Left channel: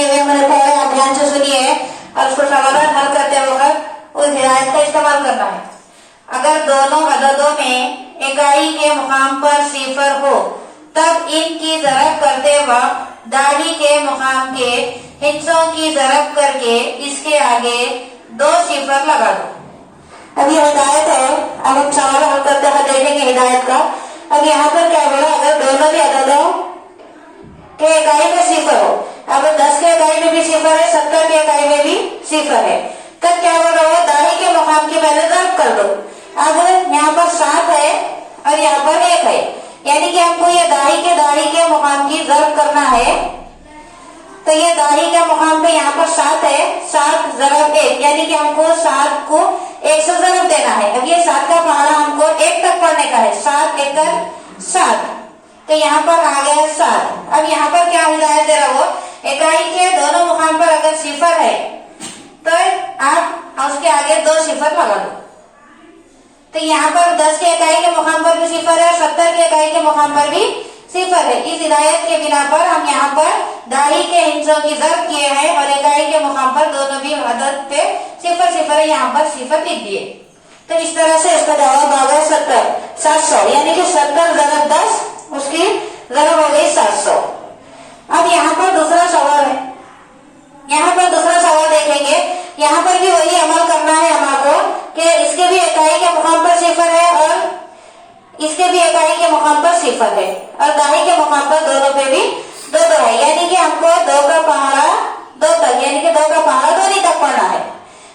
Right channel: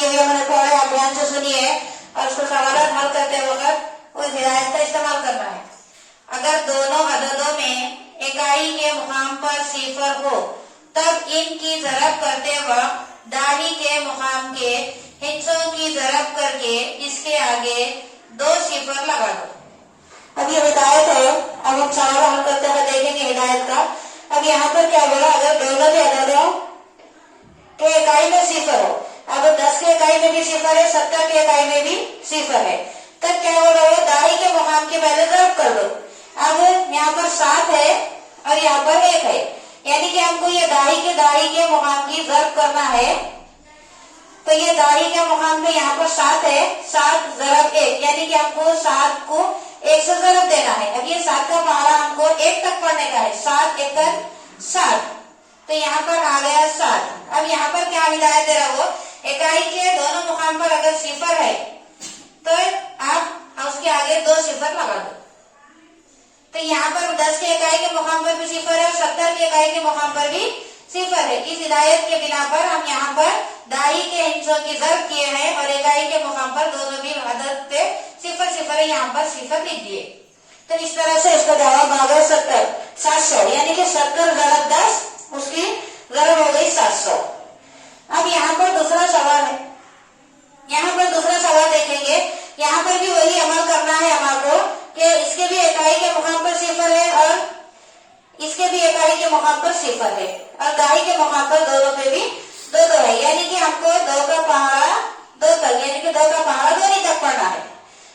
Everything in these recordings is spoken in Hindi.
दिए हुए मैंने पढ़े, आप ध्यान से सुनिए और उसको समाधान हल करते वक्त उस हिदायत का इस्तेमाल करना है। अगर दोनों अददों में इकाई के मुकाम पर सिफर हो तब इनकी ज़रब करते वक्त दाही के मुकाम के हिस्सों की ज़रब करके इसके आगे 2 सिफर लगा दो। अब ये हिदायत है, अब हम सवाल हल करते हुए देखेंगे हिदायत का। अब यहाँ पर क्या होगा, अगर दोनों भी अददों के इकाई में सिफर हो, अगर 10 के इकाई में भी सिफर है, 70 के इकाई में भी सिफर है, तब क्या होगा, वो दाही के मुकाम की पहले ज़रब कर दो। अब यहाँ पर 7 है और यहाँ पर 1 है, यानी कि हमको ये दाही के मुकाम की ज़रब करना है। तो ये दाही के मुकाम पे यहाँ पर 7 है, 7 ज़रब 1, यानी कि हमको 7 को 1 से ज़रब देना है। अब ये 7 का पहाड़ा हमको 1 तक पढ़ने का है, 7 एकड़ 7, तो यहाँ पर आ गया 7। अब यहाँ पर क्या हिदायत दे रहा हो, इकाई के दोनों मुकाम पर अगर सिफर है तो आप उसके आगे 2 सिफर लगा दो। तो यहाँ पर 10 के इकाई के मुकाम पर भी सिफर है, 70 के इकाई के मुकाम पर भी सिफर है। इस हिदायत के बिना पर हम यहाँ पर दाही के हिस्सों की ज़रब किए हैं और इकाई के मुकाम पर दोनों भी अदद पे सिफर सिफर है, यहाँ पर सिफर लिख दिए। तो इस तरह से इसका जवाब आ गया 700, यानी कि 70 ज़रब 10, उसकी ज़रब हो गई 700। अब यहाँ पर दूसरा सवाल है, यहाँ पर दूसरा सवाल देखेंगे। यहाँ पर भी वही अमल करना है हमको कि इसके भी इकाई के मुकाम पर सिफर है और इसके भी इकाई के मुकाम पर सिफर है और दाही के मुकाम पर दोनों पे भी 2-2 है, यानी कि हमको 2 का पहाड़ा 2 तक, यानी कि 2 का पहाड़ा 2 तक पढ़ना है।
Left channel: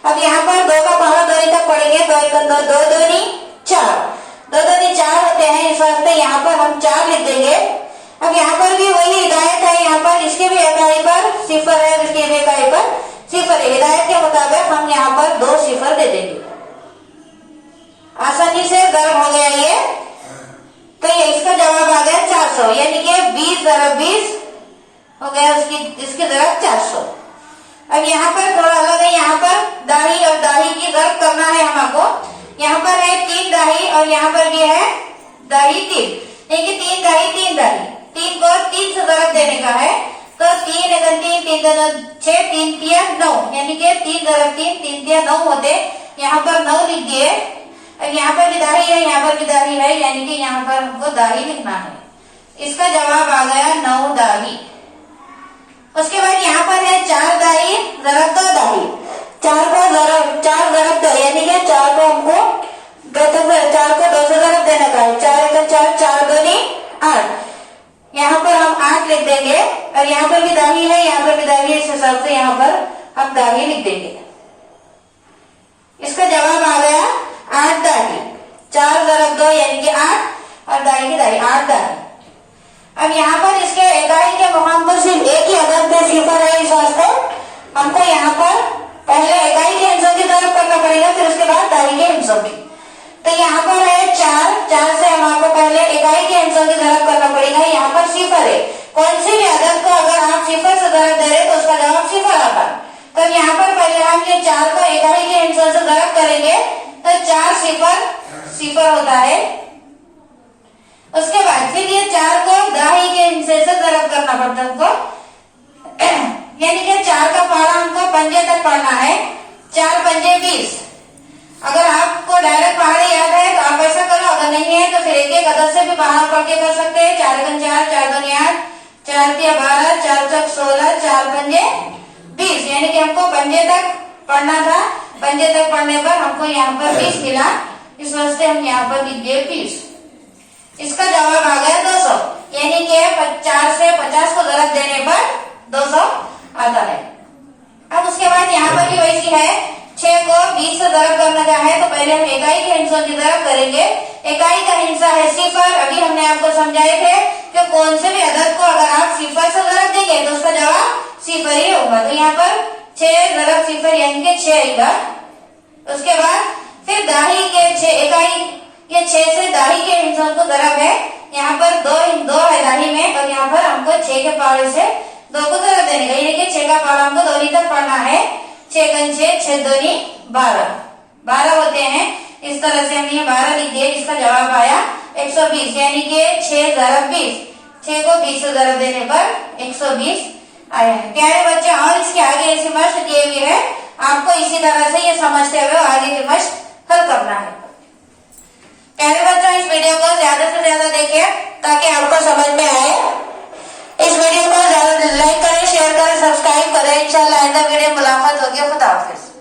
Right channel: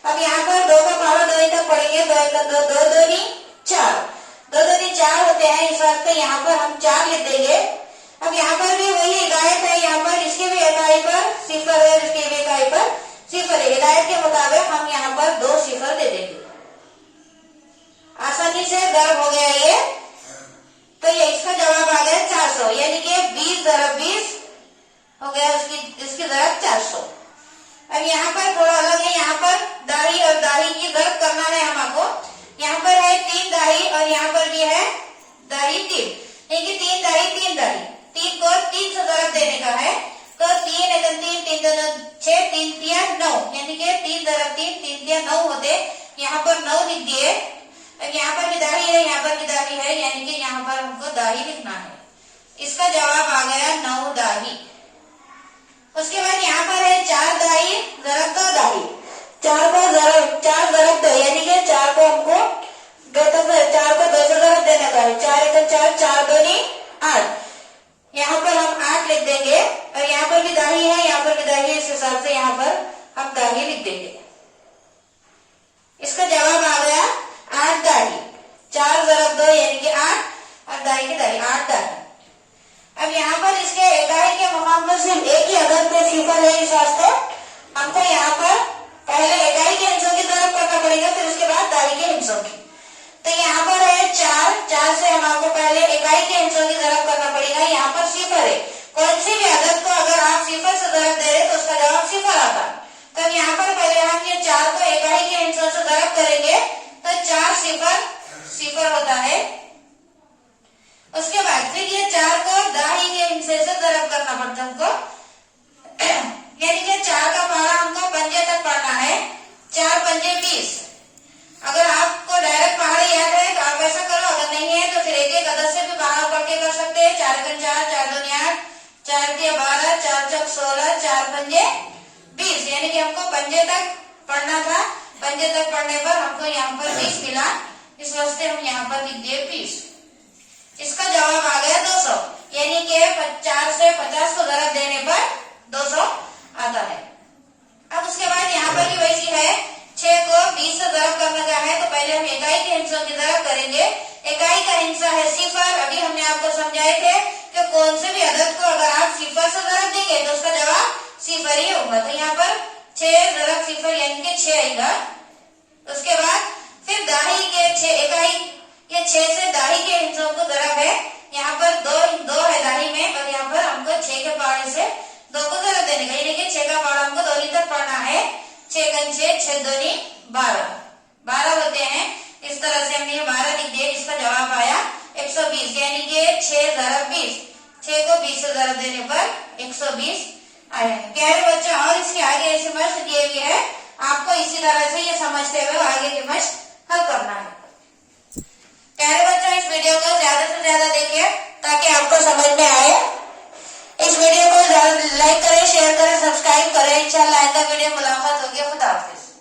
अब यहाँ पर 2 का पहाड़ा 2 तक पढ़ेंगे, 2 1 2, 2 2 4, 2 2 4 होते हैं, इस वास्ते यहाँ पर हम 4 लिख देंगे। अब यहाँ पर भी वही हिदायत है, यहाँ पर इसके भी इकाई पर सिफर है, इसके भी इकाई पर सिफर है। हिदायत के मुताबिक हम यहाँ पर 2 सिफर दे देंगे। आसानी से ज़रब हो गया ये, तो ये इसका जवाब आ गया 400, यानी कि 20 ज़रब 20 हो गया, इसकी ज़रब 400। अब यहाँ पर थोड़ा अलग है, यहाँ पर दाही और दाही की ज़रब करना है हमको। यहाँ पर है 3 दाही और यहाँ पर भी है दाही 3, यानी कि 3 दाही 3 दाही, 3 को 3 से ज़रब देने का है। तो 3 1 3 3 2 6 3 3 9, यानी कि 3 ज़रब 3 3 3 9 होते, यहाँ पर 9 लिख दिए। अब यहाँ पर भी दाही है, यहाँ पर भी दाही है, यानी कि यहाँ पर हमको दाही लिखना है। इसका जवाब आ गया 9 दाही। उसके बाद यहाँ पर है 4 दाही ज़रब 2 दाही, 4 ज़रब 2, यानी कि 4 को हमको 4 को 2 से ज़रब देने का है। 4 1 4, 4 2 8, यहाँ पर हम 8 लिख देंगे और यहाँ पर भी दाही है, यहाँ पर भी दाही है, इस हिसाब से यहाँ पर हम दाही लिख देंगे। इसका जवाब आ गया 8 दाही, 4 ज़रब 2 यानी कि 8 और दाही की दाही 8 दाही। अब यहाँ पर इसके इकाई के मुकाम पर सिर्फ एक ही अदद पे सिफर है, इस वास्ते हमको यहाँ पर पहले इकाई के हिस्सों की ज़रब करना पड़ेगा, फिर उसके बाद दाही के हिस्सों की। तो यहाँ पर है 4 से हमको पहले इकाई के हिस्सों की ज़रब करना पड़ेगा। यहाँ पर सिफर है, कौन सी भी अदद को अगर आप सिफर से ज़रब दे रहे तो उसका जवाब सिफर आता। तो यहाँ पर पहले हम ये 4 को इकाई के हिस्सों से ज़रब करेंगे तो 4 सिफर होता है। उसके बाद फिर ये 4 को दाही के हिस्से से ज़रब करना पड़ता है हमको, यानी कि 4 का पहाड़ा हमको पंजे तक पढ़ना है, 4 पंजे 20। अगर आपको डायरेक्ट पहाड़े याद है तो आप ऐसा करो, अगर नहीं है तो फिर एक एक अदद से भी पहाड़ पढ़ के कर सकते हैं। 4 1 4, 4 2 8, 4 3 12, 4 4 16, 4 पंजे 20, यानी कि हमको पंजे तक पढ़ना था। पंजे तक पढ़ने पर हमको यहाँ पर 20 मिला, इस वास्ते हम यहाँ पर लिख दिए 20। इसका जवाब आ गया 200, यानी कि 4 से 50 को ज़रब देने पर 200 आता है। अब उसके बाद यहाँ पर भी वैसी है, 6 को 20 से ज़रब करना का है तो पहले हम इकाई के हिस्सों की ज़रब करेंगे। इकाई का हिस्सा है सिफर, अभी हमने आपको समझाए थे कि कौन से भी अदद को अगर आप सिफर से ज़रब देंगे तो उसका जवाब सिफर ही होगा। तो यहाँ पर 6 ज़रब सिफर यानी कि 6 आएगा। उसके बाद फिर दाही के 6 इकाई, ये 6 से दाही के हिस्सों को ज़रब है, यहाँ पर 2 है दाही में और यहाँ पर हमको 6 के पहाड़े से 2 को ज़रब देने का, यानी कि 6 का पहाड़ा हमको 2 तक पढ़ना है। 6 1 6, 6 2 12 होते हैं। इस तरह से हम ये 12 लिख दिए, जिसका जवाब आया 120, यानी कि 6 ज़रब 20, 6 को 20 से ज़रब देने पर 120 आए हैं। प्यारे बच्चे, और इसके आगे ऐसी मश्क दिए हुए है, आपको इसी तरह से ये समझते हुए आगे की मश्क हल करना है। प्यारे बच्चों, इस वीडियो को ज्यादा से ज्यादा देखिए ताकि आपको समझ में आए। इस वीडियो को लाइक करें, शेयर करें, सब्सक्राइब करें। इंशाल्लाह आइंदा वीडियो मुलाकात होगी। खुदा हाफिज।